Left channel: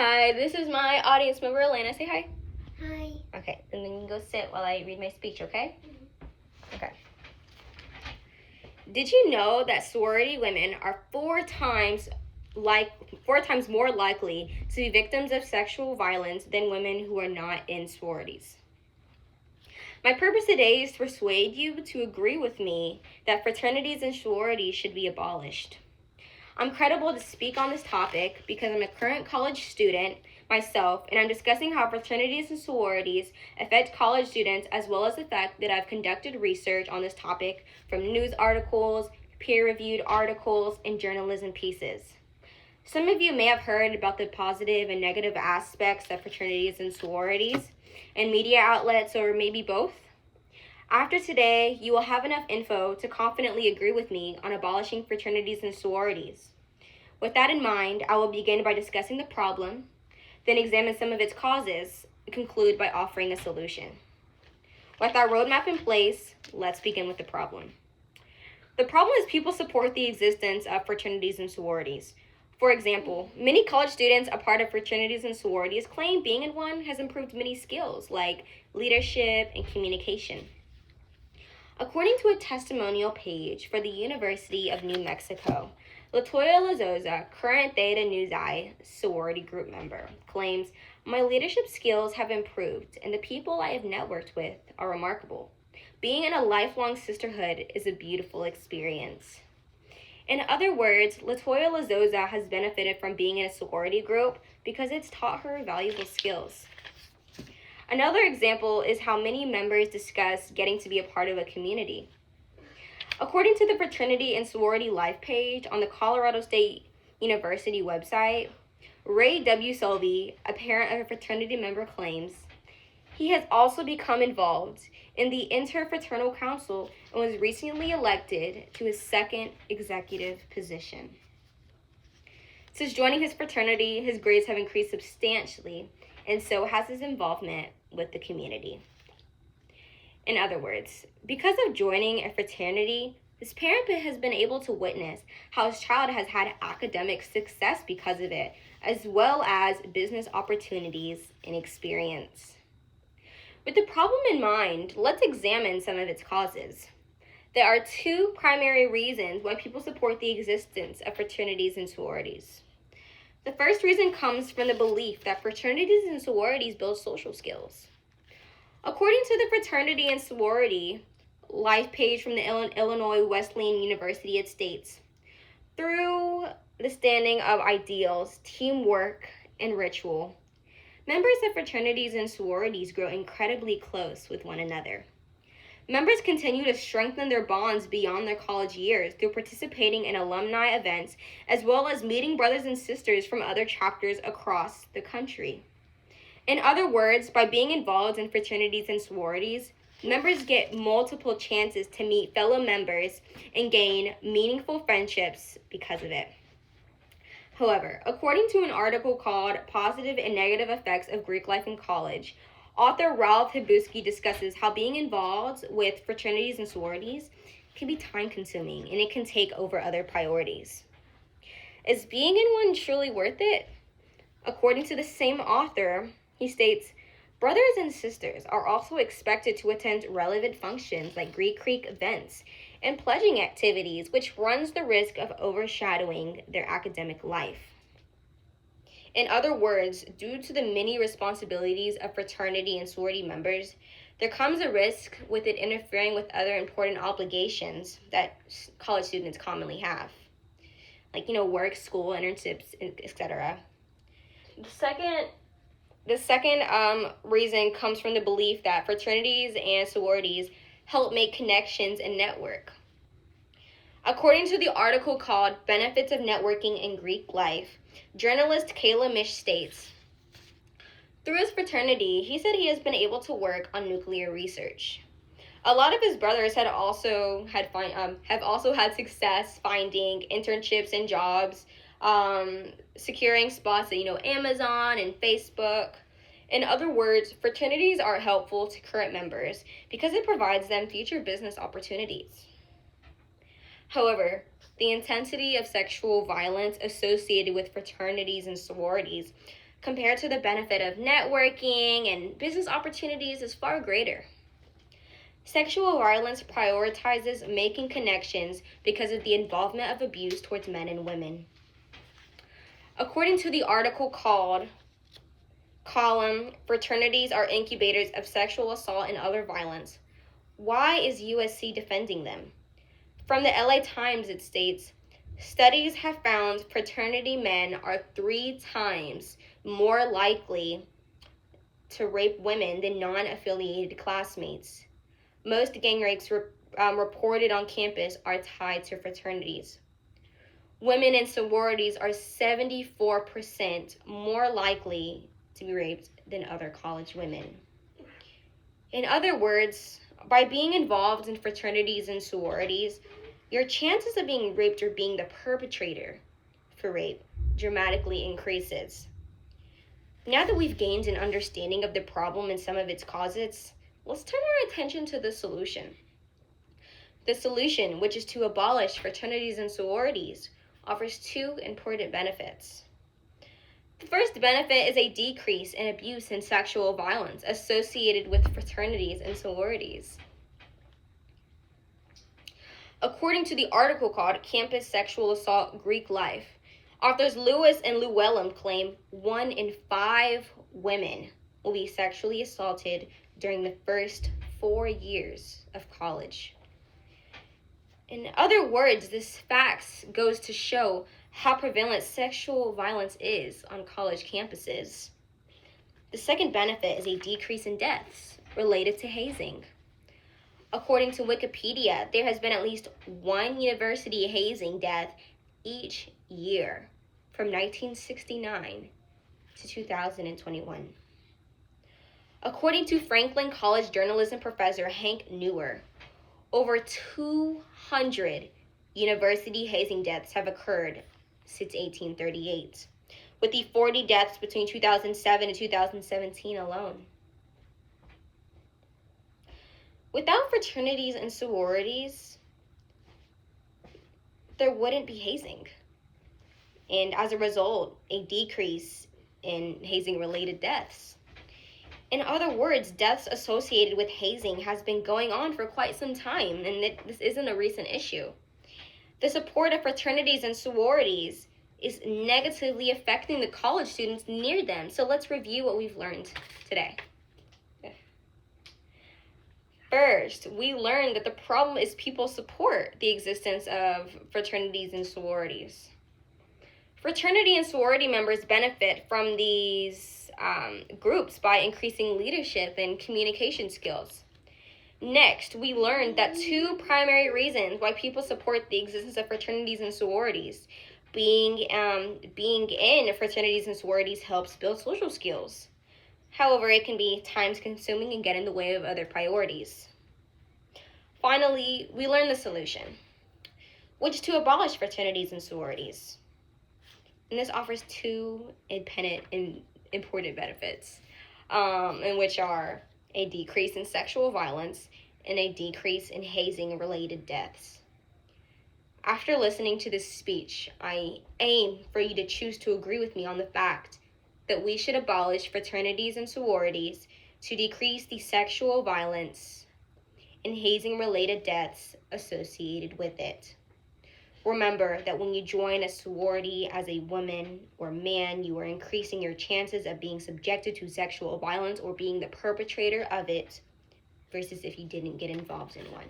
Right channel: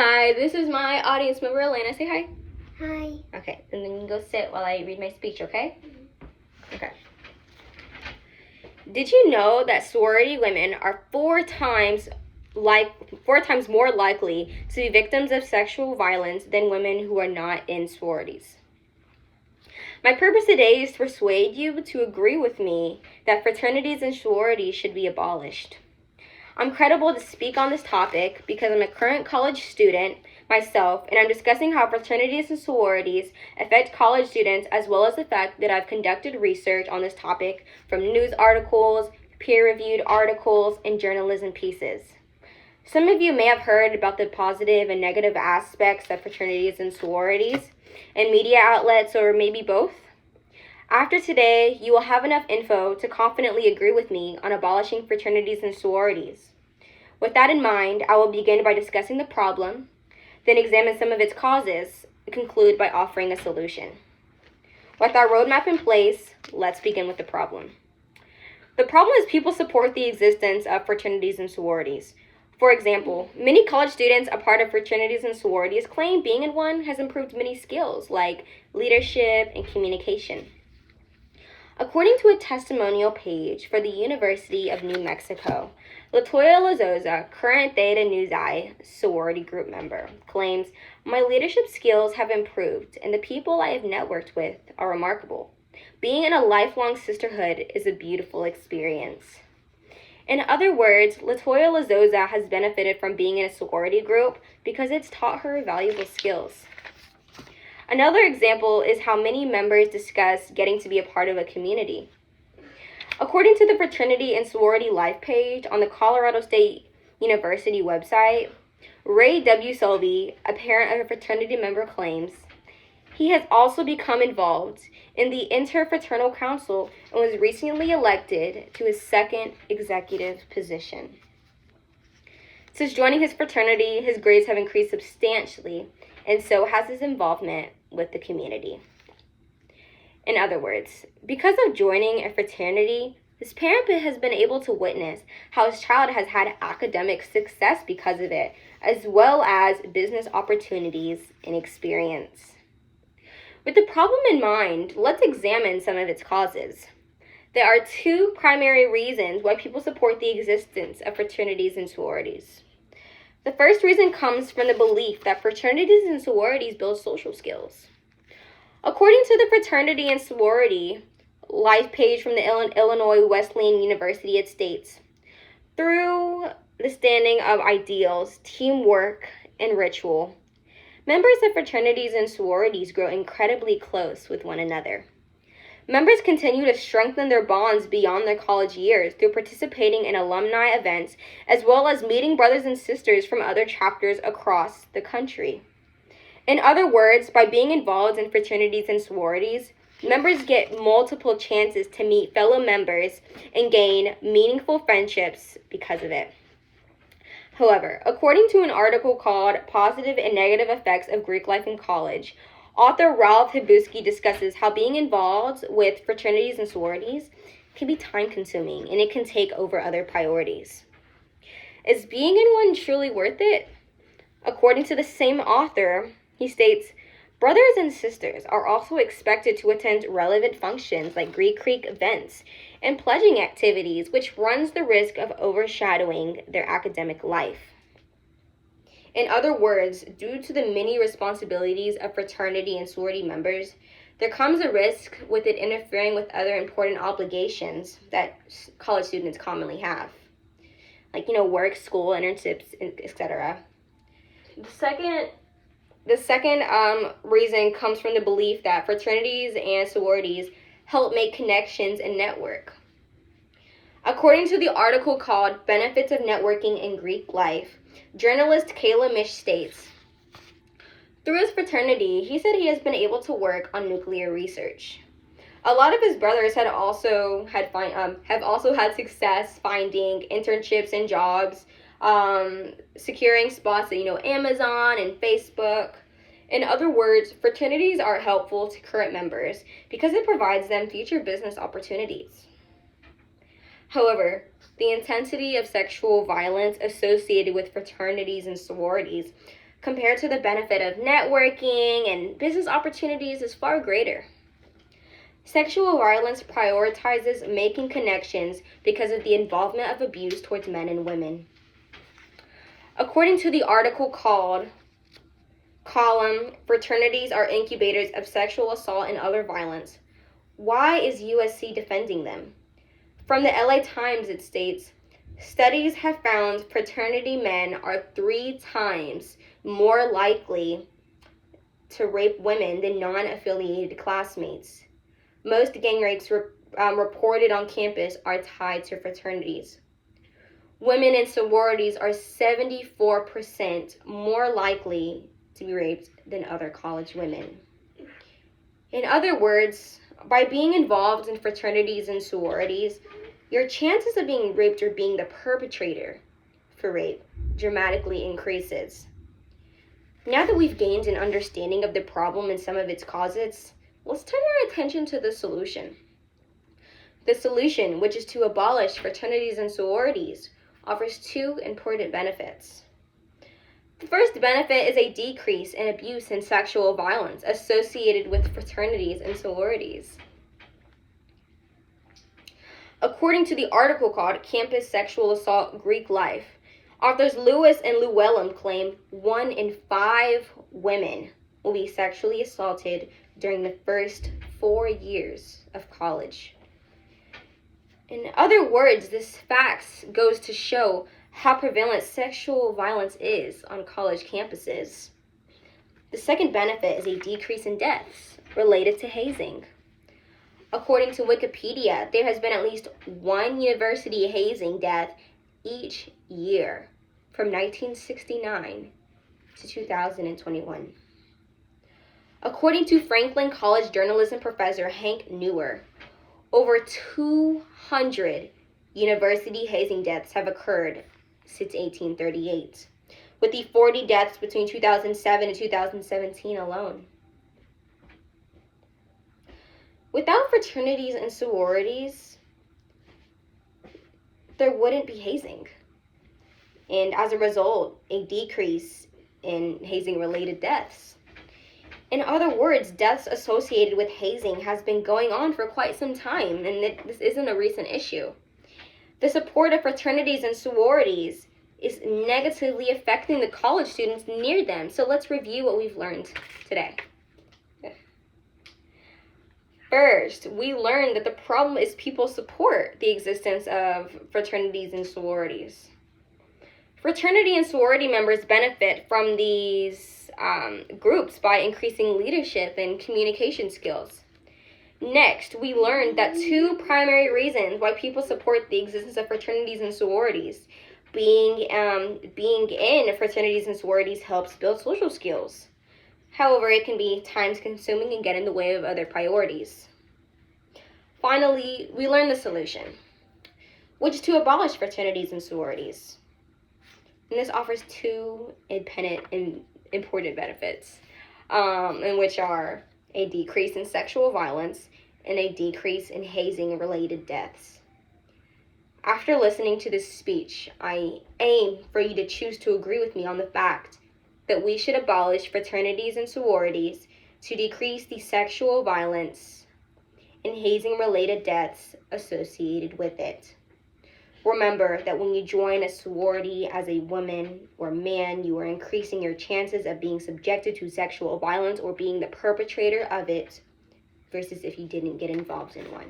Hi, this is my audience member, Elena. Say hi. Hi. Okay, and then you can go sit while I read my speech, okay? Okay. Did you know that sorority women are four times more likely to be victims of sexual violence than women who are not in sororities? My purpose today is to persuade you to agree with me that fraternities and sororities should be abolished. I'm credible to speak on this topic because I'm a current college student myself, and I'm discussing how fraternities and sororities affect college students, as well as the fact that I've conducted research on this topic from news articles, peer-reviewed articles, and journalism pieces. Some of you may have heard about the positive and negative aspects of fraternities and sororities in media outlets, or maybe both. After today, you will have enough info to confidently agree with me on abolishing fraternities and sororities. With that in mind, I will begin by discussing the problem, then examine some of its causes, and conclude by offering a solution. With our roadmap in place, let's begin with the problem. The problem is people support the existence of fraternities and sororities. For example, many college students a part of fraternities and sororities claim being in one has improved many skills like leadership and communication. According to a testimonial page for the University of New Mexico, Latoya Lazoza, current Theta Nu Xi sorority group member, claims, "My leadership skills have improved and the people I have networked with are remarkable. Being in a lifelong sisterhood is a beautiful experience." In other words, Latoya Lazoza has benefited from being in a sorority group because it's taught her valuable skills. Another example is how many members discuss getting to be a part of a community. According to the Fraternity and Sorority Life page on the Colorado State University website, Ray W. Selby, a parent of a fraternity member, claims he has also become involved in the Interfraternal Council and was recently elected to his second executive position. Since joining his fraternity, his grades have increased substantially, and so has his involvement with the community. In other words, because of joining a fraternity, this parent has been able to witness how his child has had academic success because of it, as well as business opportunities and experience. With the problem in mind, let's examine some of its causes. There are two primary reasons why people support the existence of fraternities and sororities. The first reason comes from the belief that fraternities and sororities build social skills. According to the Fraternity and Sorority Life page from the Illinois Wesleyan University, it states, "Through the standing of ideals, teamwork, and ritual, members of fraternities and sororities grow incredibly close with one another. Members continue to strengthen their bonds beyond their college years through participating in alumni events, as well as meeting brothers and sisters from other chapters across the country." In other words, by being involved in fraternities and sororities, members get multiple chances to meet fellow members and gain meaningful friendships because of it. However, according to an article called "Positive and Negative Effects of Greek Life in College," author Ralph Hibusky discusses how being involved with fraternities and sororities can be time-consuming and it can take over other priorities. Is being in one truly worth it? According to the same author, he states, "Brothers and sisters are also expected to attend relevant functions like Greek Creek events and pledging activities, which runs the risk of overshadowing their academic life." In other words, due to the many responsibilities of fraternity and sorority members, there comes a risk with it interfering with other important obligations that college students commonly have, like, work, school, internships, etc. The second reason comes from the belief that fraternities and sororities help make connections and network. According to the article called "Benefits of Networking in Greek Life," journalist Kayla Mish states, "Through his fraternity, he said he has been able to work on nuclear research. A lot of his brothers have also had success finding internships and jobs, securing spots at Amazon and Facebook. In other words, fraternities are helpful to current members because it provides them future business opportunities. However, the intensity of sexual violence associated with fraternities and sororities compared to the benefit of networking and business opportunities is far greater. Sexual violence prioritizes making connections because of the involvement of abuse towards men and women. According to the article called Column, Fraternities Are Incubators of Sexual Assault and Other Violence, why is USC defending them? From the LA Times, it states, studies have found fraternity men are 3 times more likely to rape women than non-affiliated classmates. Most gang rapes reported on campus are tied to fraternities. Women in sororities are 74% more likely to be raped than other college women. In other words, by being involved in fraternities and sororities, your chances of being raped or being the perpetrator for rape dramatically increases. Now that we've gained an understanding of the problem and some of its causes, let's turn our attention to the solution. The solution, which is to abolish fraternities and sororities, offers 2 important benefits. The first benefit is a decrease in abuse and sexual violence associated with fraternities and sororities. According to the article called Campus Sexual Assault Greek Life, authors Lewis and Llewellyn claim 1 in 5 women will be sexually assaulted during the first 4 years of college. In other words, this fact goes to show how prevalent sexual violence is on college campuses. The second benefit is a decrease in deaths related to hazing. According to Wikipedia, there has been at least 1 university hazing death each year from 1969 to 2021. According to Franklin College journalism professor Hank Newer, over 200 university hazing deaths have occurred since 1838, with the 40 deaths between 2007 and 2017 alone. Without fraternities and sororities, there wouldn't be hazing. And as a result, a decrease in hazing-related deaths. In other words, deaths associated with hazing has been going on for quite some time, and this isn't a recent issue. The support of fraternities and sororities is negatively affecting the college students near them. So let's review what we've learned today. First, we learned that the problem is people support the existence of fraternities and sororities. Fraternity and sorority members benefit from these groups by increasing leadership and communication skills. Next, we learned that 2 primary reasons why people support the existence of fraternities and sororities. Being in fraternities and sororities helps build social skills. However, it can be time-consuming and get in the way of other priorities. Finally, we learned the solution, which is to abolish fraternities and sororities. And this offers 2 independent and important benefits, and which are a decrease in sexual violence and a decrease in hazing-related deaths. After listening to this speech, I aim for you to choose to agree with me on the fact that we should abolish fraternities and sororities to decrease the sexual violence and hazing-related deaths associated with it. Remember that when you join a sorority as a woman or man, you are increasing your chances of being subjected to sexual violence or being the perpetrator of it versus if you didn't get involved in one.